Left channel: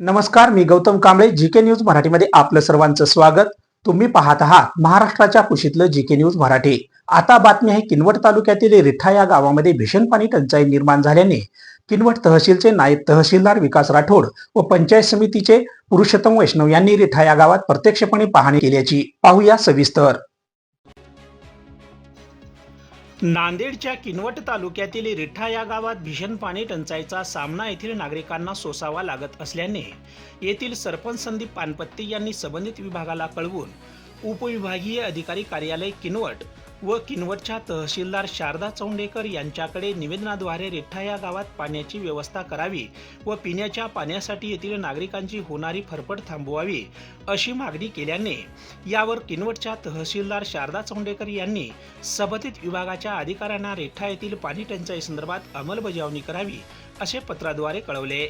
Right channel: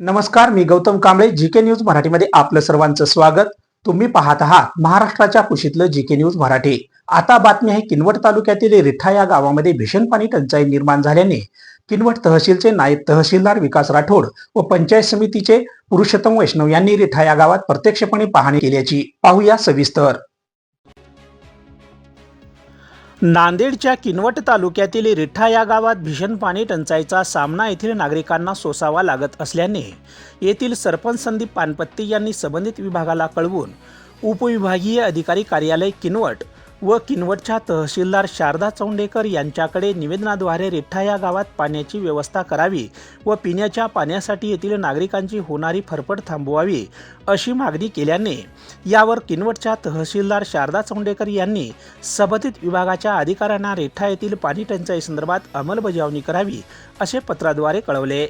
नमस्कार मी Gautam Kamble G K news मराठीमध्ये आपलं सर्वांचं स्वागत. तुम्ही पाहत आहात महाराष्ट्राच्या कुशीतलं जी के न्यूज मराठी. आता बातमी आहे किनवट तालुक्यातील रिठा या गावामध्ये भीषण पाणी टंचाई निर्माण झाल्याने किनवट तहसीलचे नायब तहसीलदार विकास राठोड व पंचायत समितीचे पुरुषोत्तम वैष्णव यांनी रिठा या गावात प्रत्यक्षपणे पाहणी केल्याची. पाहूया सविस्तर. नांदेडच्या किनवट तालुक्यातील रिठा या गावात भीषण पाणी टंचाईचा सामना येथील नागरिकांना सोसावा लागत असल्याने येथील सरपंच संदीप पानपत्ती यांनी संबंधित विभागाला कळवून उपविभागीय अधिकारी कार्यालय किनवट व किनवटच्या तहसीलदार शारदा चौंडेकर यांच्याकडे निवेदनाद्वारे रिठ्ठा या गावात पाण्याची व्यवस्था करावी व पिण्याच्या पाण्यासाठी येथील नागरिकांची होणारी फरफड थांबवावी अशी मागणी केल्याने यावर किनवटच्या तहसीलदार शारदा चौंडेकर यांनी संबंधित विभागाच्या अधिकाऱ्यांना रिठ्ठा येथील पाणी टंचाई संदर्भात अंमलबजावणी करावी असे पत्राद्वारे कळवले.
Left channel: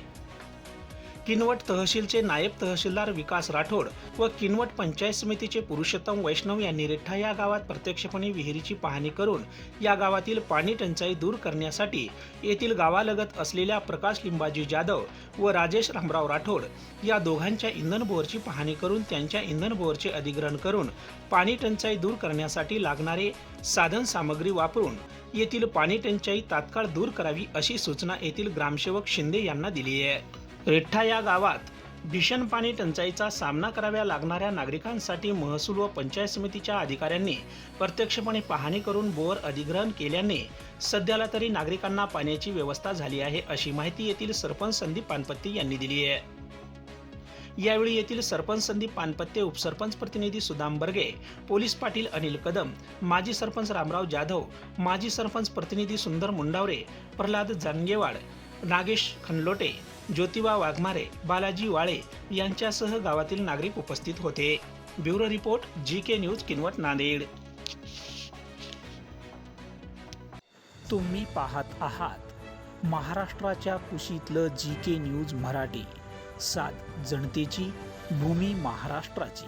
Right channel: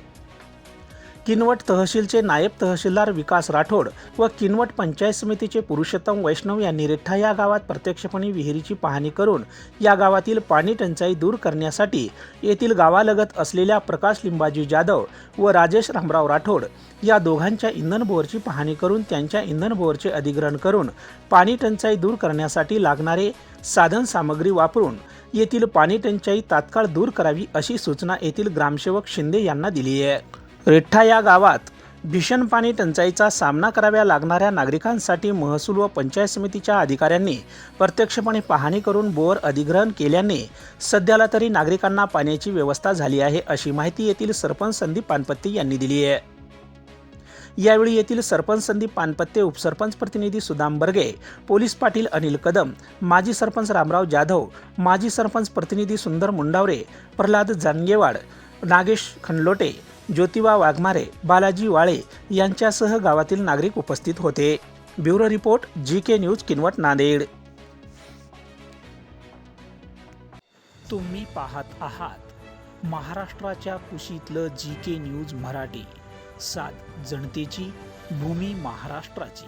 किनवट तहसीलचे नायब तहसीलदार विकास राठोड व किनवट पंचायत समितीचे पुरुषोत्तम वैष्णव यांनी रिठा या गावात प्रत्यक्षपणे विहिरीची पाहणी करून या गावातील पाणी टंचाई दूर करण्यासाठी येथील गावालगत असलेल्या प्रकाश लिंबाजी जाधव व राजेश रामराव राठोड या दोघांच्या इंधन बोअरची पाहणी करून त्यांच्या इंधन बोअरचे अधिग्रहण करून पाणी टंचाई दूर करण्यासाठी लागणारे साधन सामग्री वापरून येथील पाणी टंचाई तात्काळ दूर करावी अशी सूचना येथील ग्रामसेवक शिंदे यांना दिली आहे. रिठ्ठा या गावात भीषण पाणी टंचाईचा सामना कराव्या लागणाऱ्या नागरिकांसाठी महसूल व पंचायत समितीच्या अधिकाऱ्यांनी प्रत्यक्षपणे पाहणी करून बोअर अधिग्रहण केल्याने सध्याला तरी नागरिकांना पाण्याची व्यवस्था झाली आहे अशी माहिती येथील सरपंच संदीप पानपत्ते यांनी दिली आहे. यावेळी येथील सरपंच संदीप पानपत्ते उपसरपंच प्रतिनिधी सुदाम बर्गे पोलीस पाटील अनिल कदम माजी सरपंच रामराव जाधव माजी सरपंच प्रतिनिधी सुंदर मुंडावरे प्रल्हाद जानगेवाड नागेश खनलोटे ज्योतिबा वाघमारे बालाजी वाळे यांच्यासह गावातील नागरिक उपस्थित होते. Bureau report G K news Kinwat Nanded. तुम्ही पाहत आहात महाराष्ट्राच्या कुशीतलं जी के न्यूज मराठी. सात जनतेची भूमी महाराष्ट्राची.